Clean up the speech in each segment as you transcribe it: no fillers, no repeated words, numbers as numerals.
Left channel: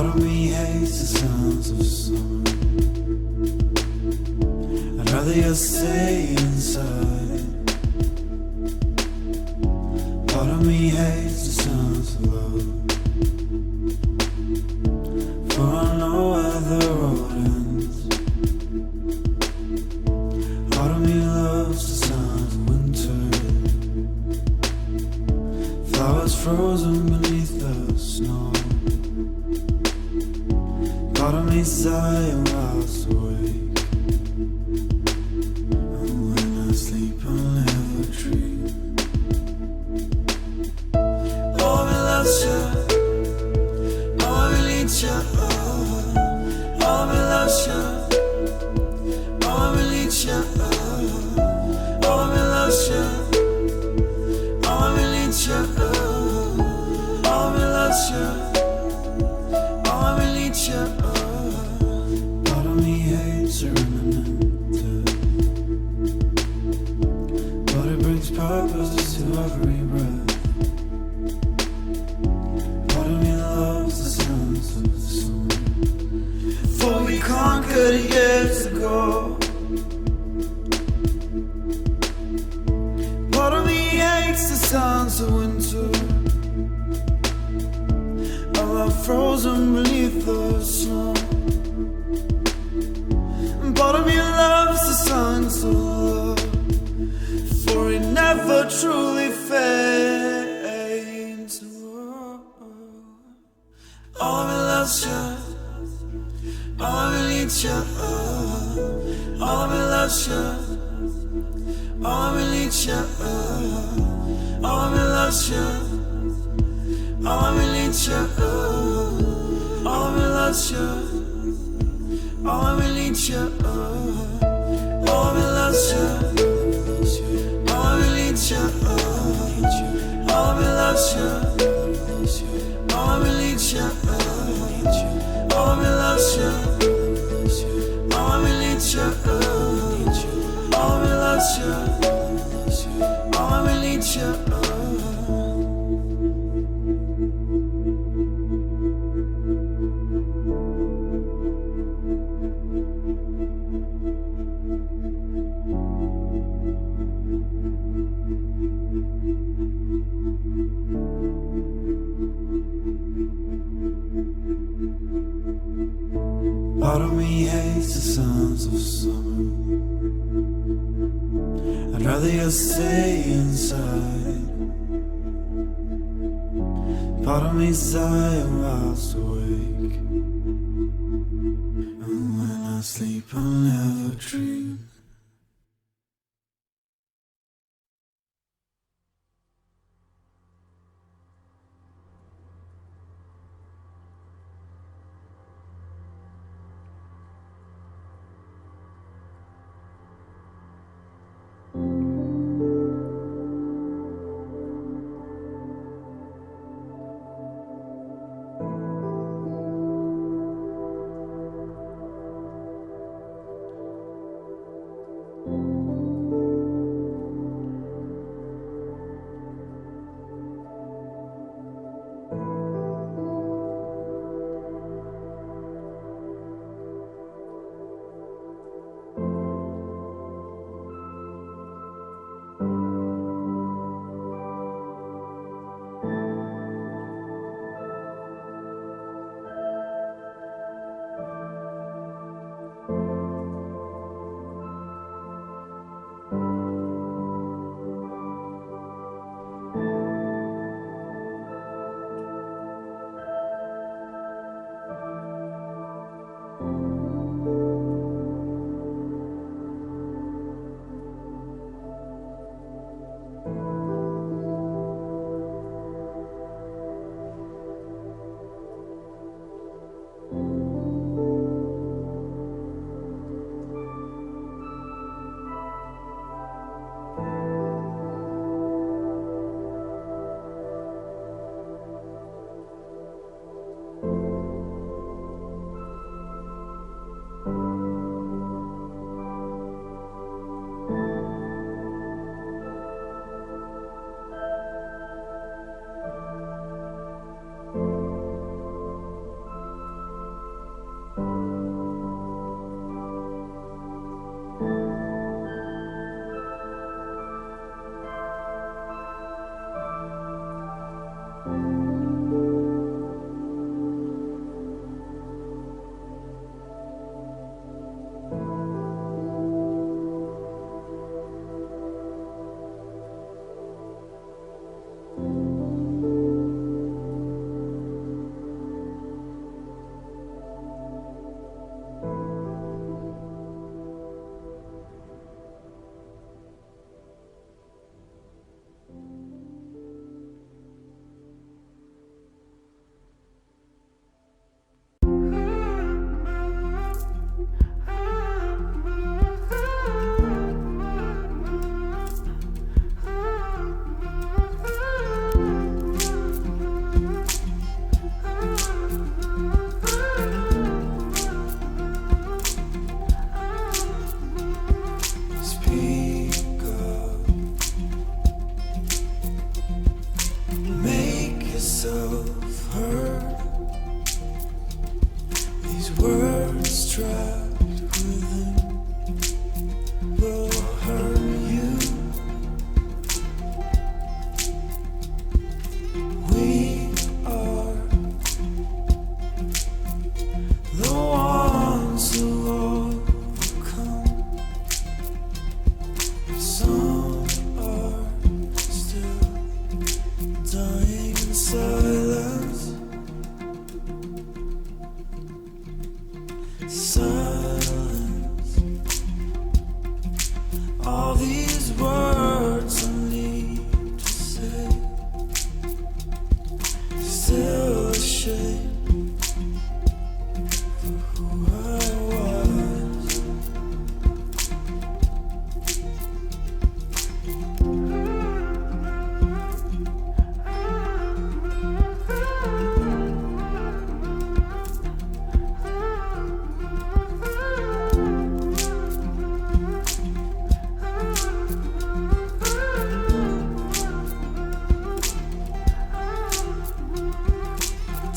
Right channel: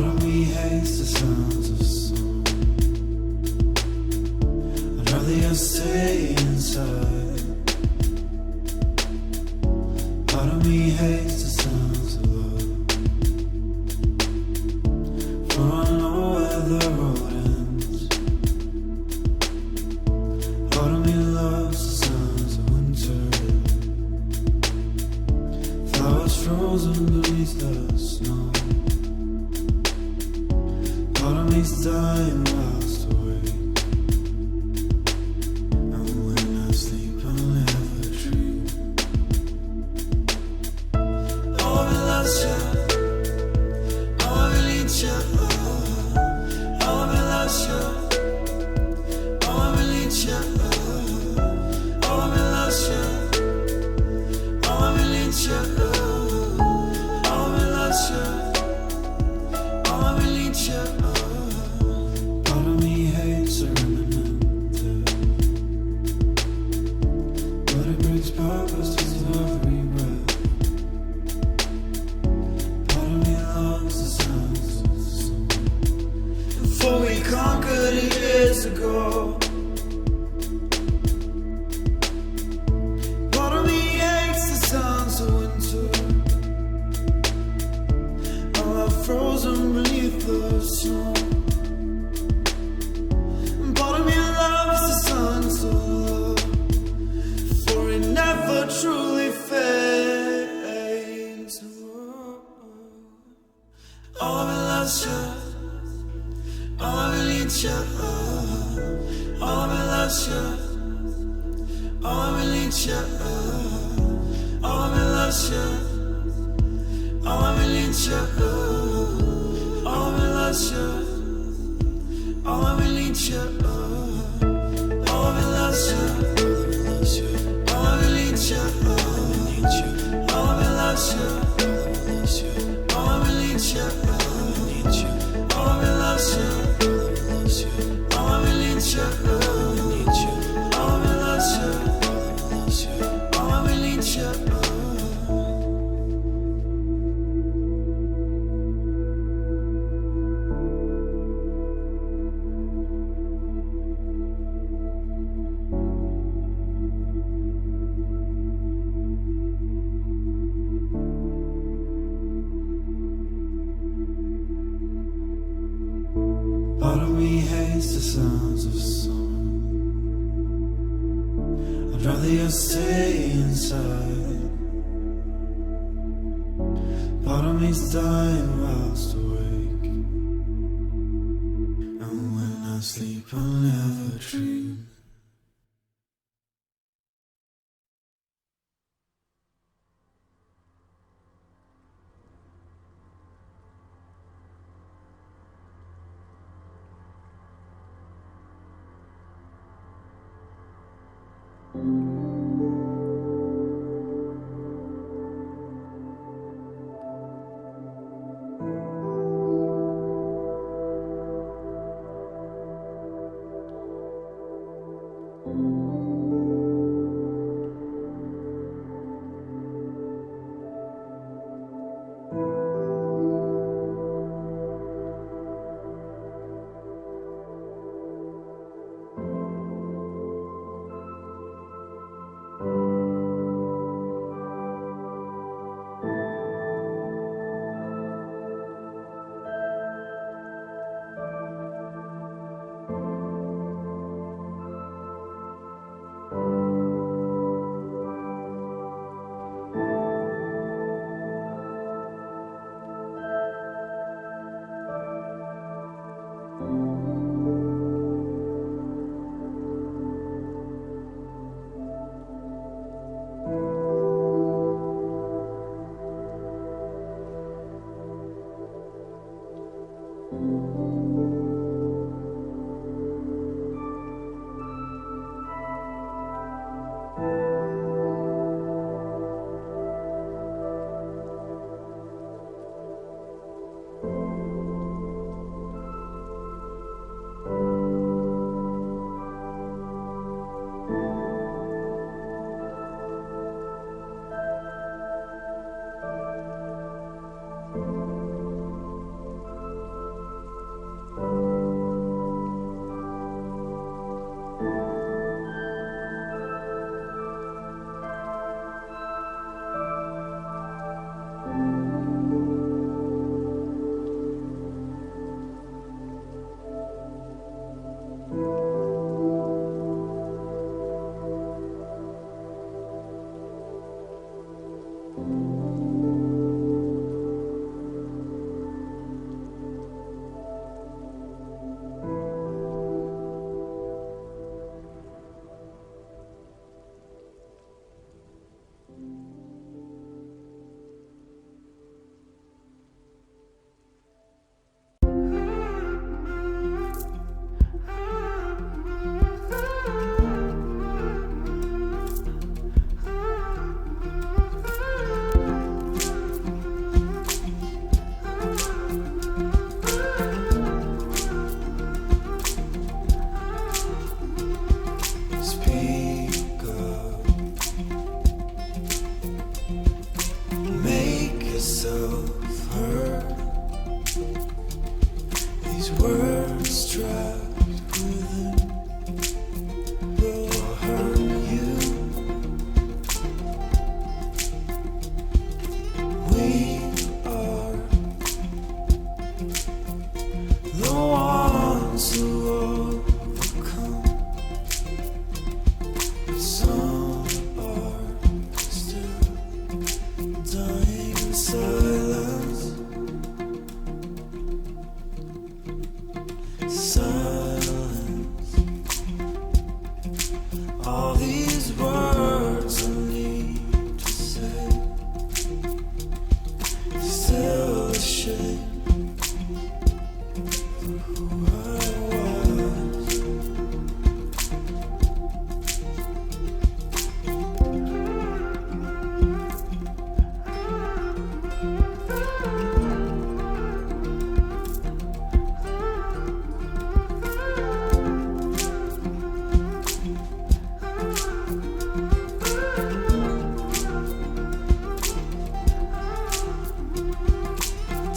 Part of me hates the sounds of summer. I'd rather just stay inside. Part of me hates the sounds of love, for I know where the road ends. Part of me loves the sounds of winter, flowers frozen beneath the snow. Part of me's dying whilst awake, and when I sleep I'll never dream. Oh, I loves you, oh, I need you, oh, I loves you, oh, I need you, oh, I loves you, oh, I need you, oh, I loves you, oh, I need you. Part of me hates a remnant, but it brings purpose to every breath. Part of me loves the sounds of the sun, for we conquered years ago. Part of me hates the sounds of winter, I'm frozen beneath the snow. Part of me loves the songs of love, for it never truly fades. Oh, I loves you, oh, I need you, oh, I loves you, oh, I need you, oh, I loves you, oh, I need you, oh, I loves you. Oh, I need you, oh, I loves you, oh, I need you, oh, I loves you, oh, I need you, oh, I loves you, oh, I need you, oh, I loves you, oh, I need you, Part of me hates the sounds of summer. I'd rather just stay inside. Part of me's dying whilst awake, and when I sleep I'll never dream.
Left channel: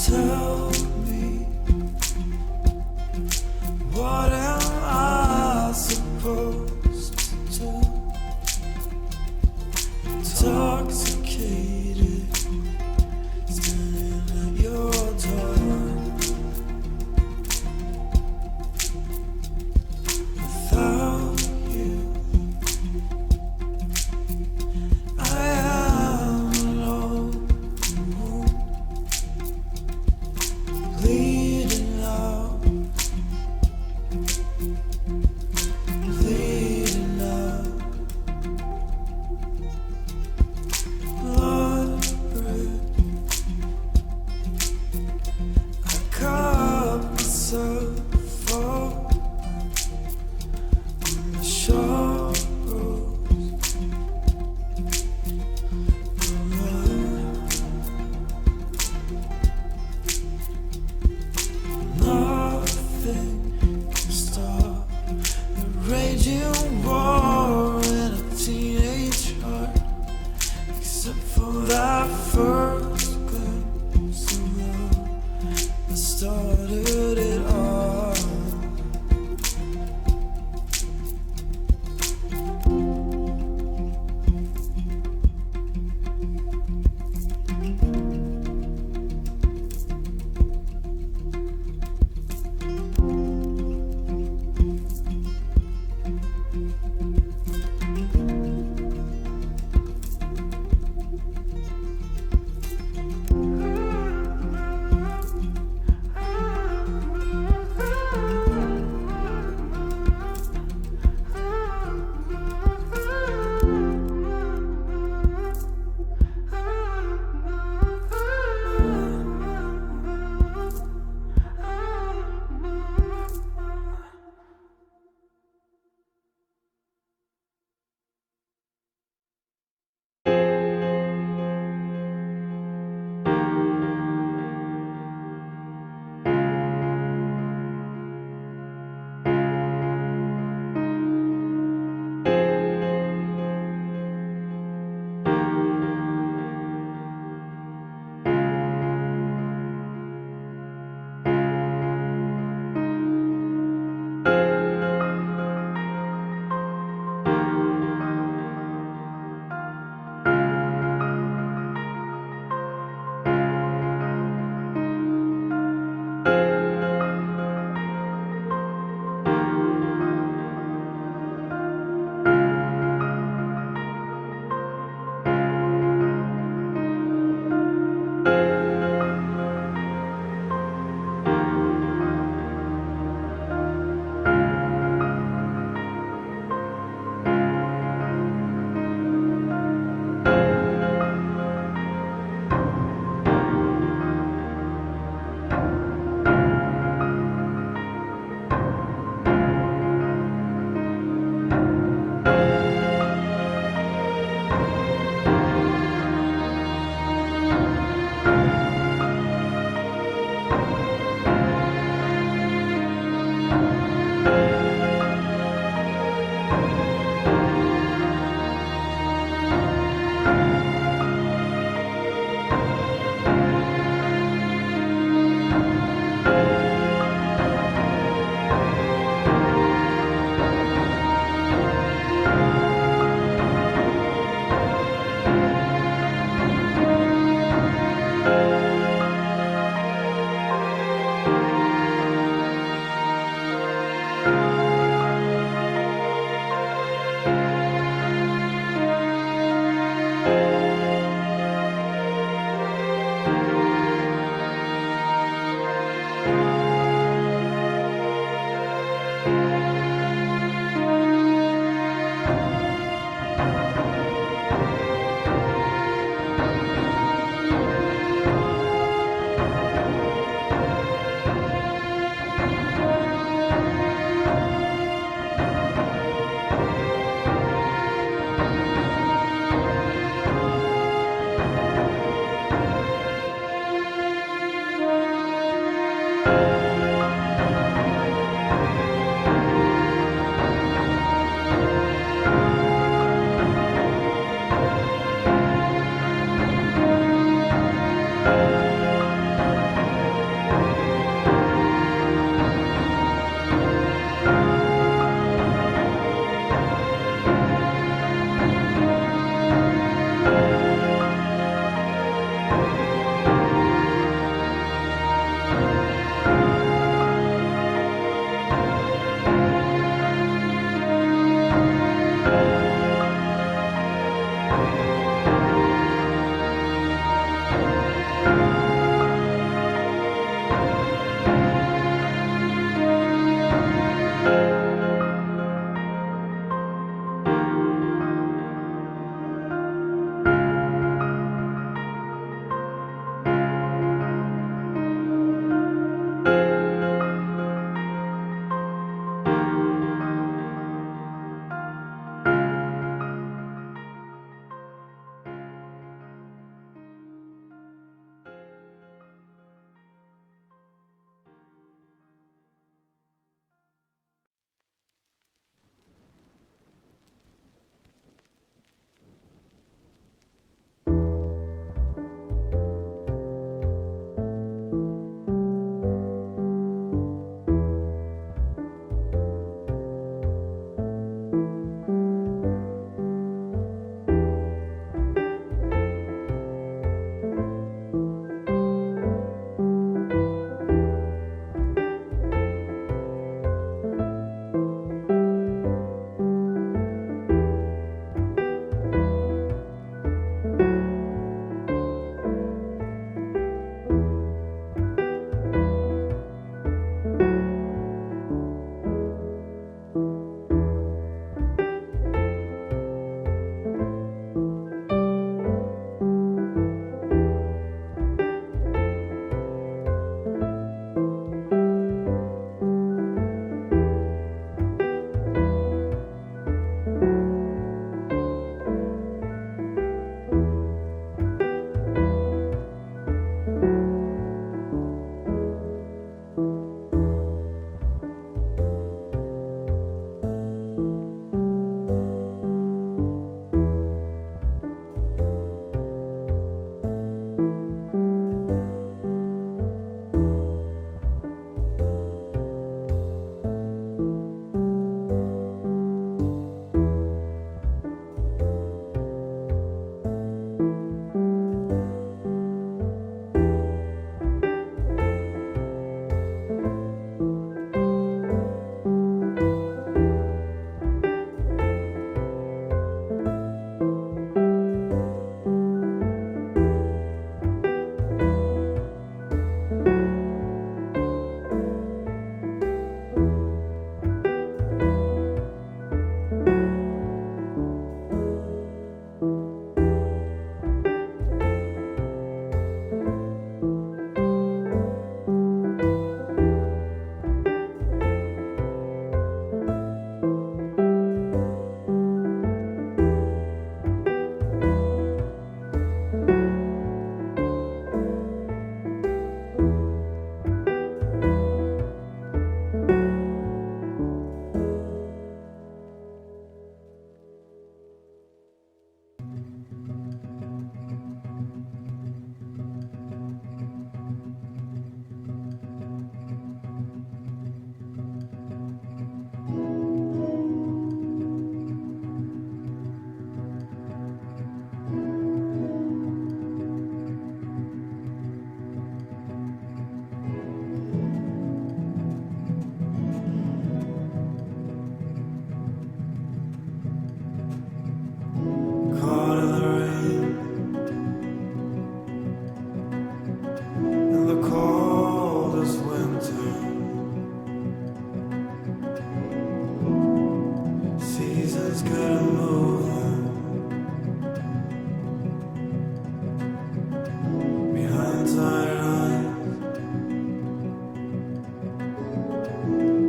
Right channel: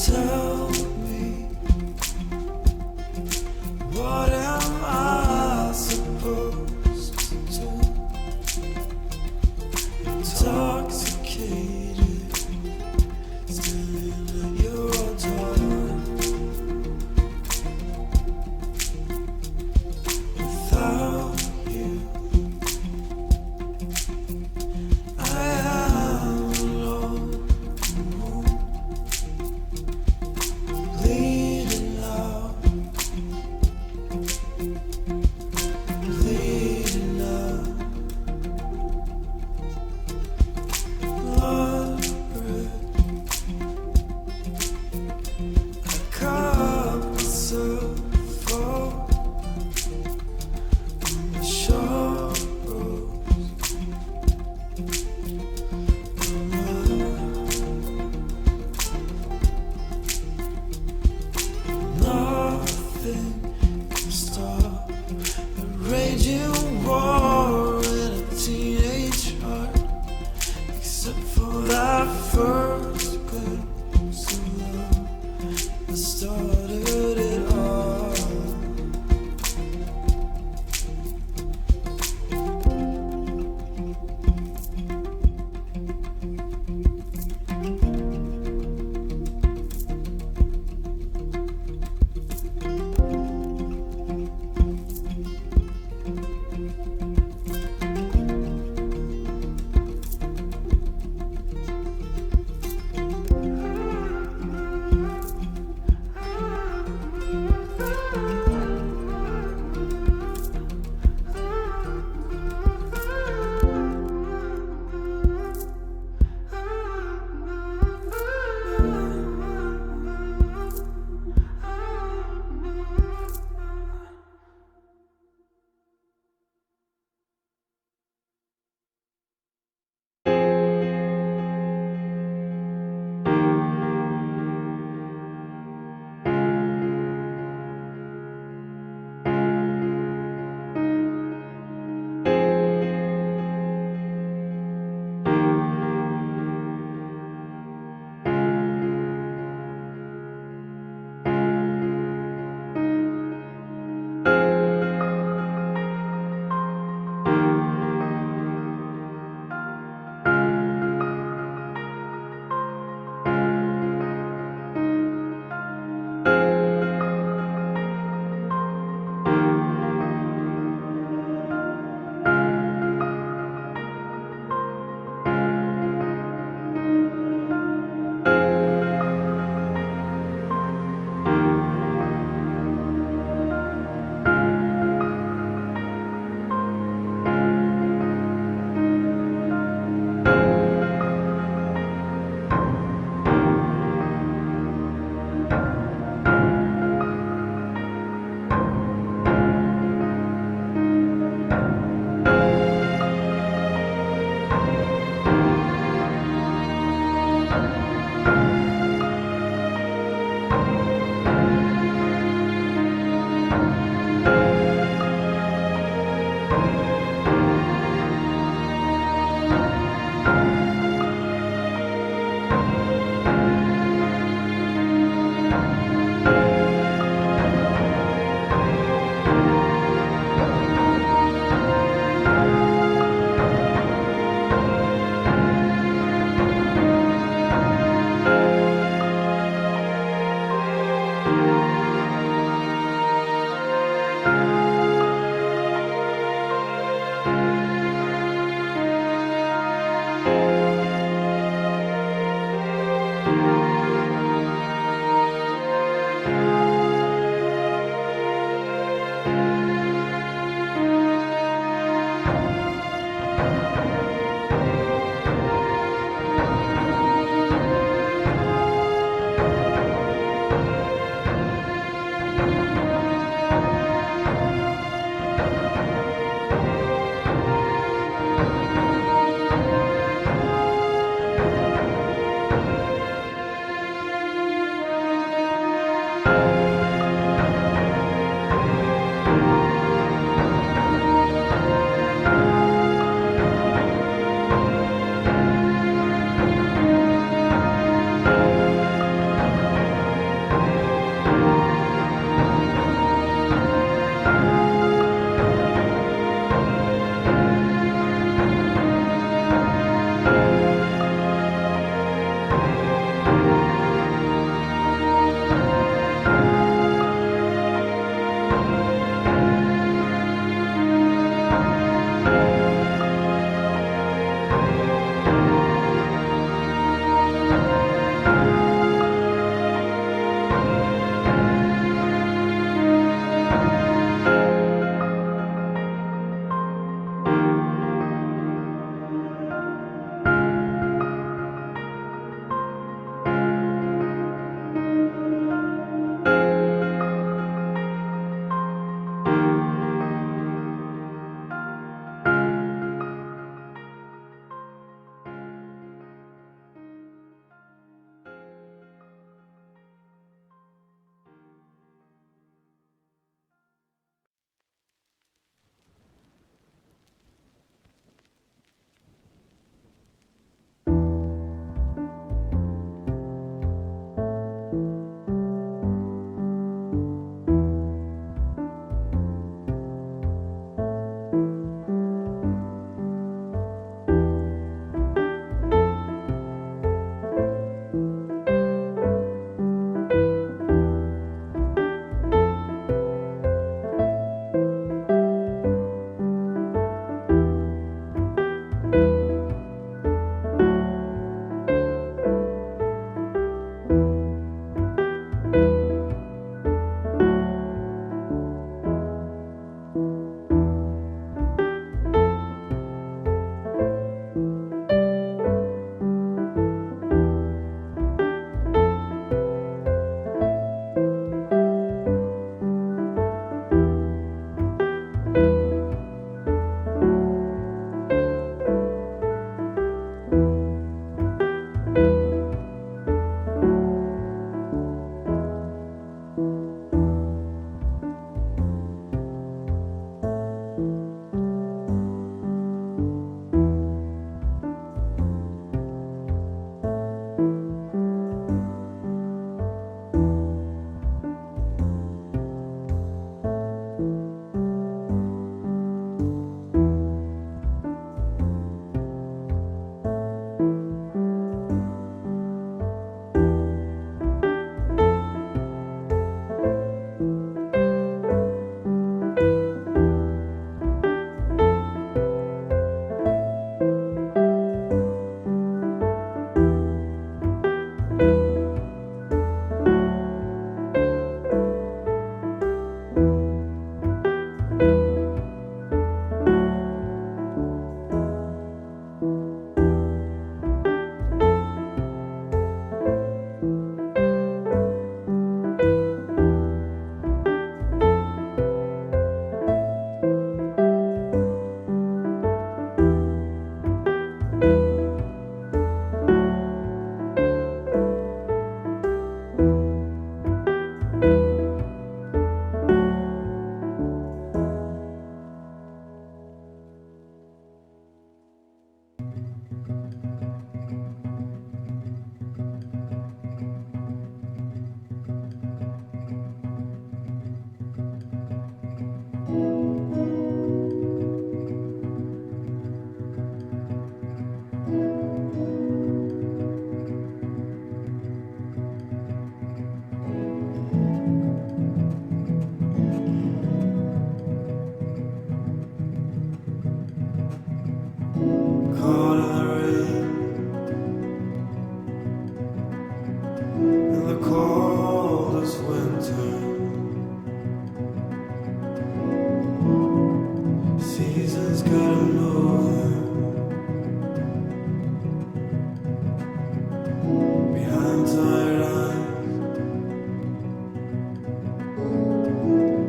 Tell me, what am I supposed to do? Intoxicated, standing at your door. Without you, I am alone, bleeding out, bleeding out, blood red. I cut myself open on the sharp roads. Nothing can stop the raging war in a teenage heart, except for that first glimpse of love that started it all.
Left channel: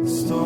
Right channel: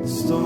Story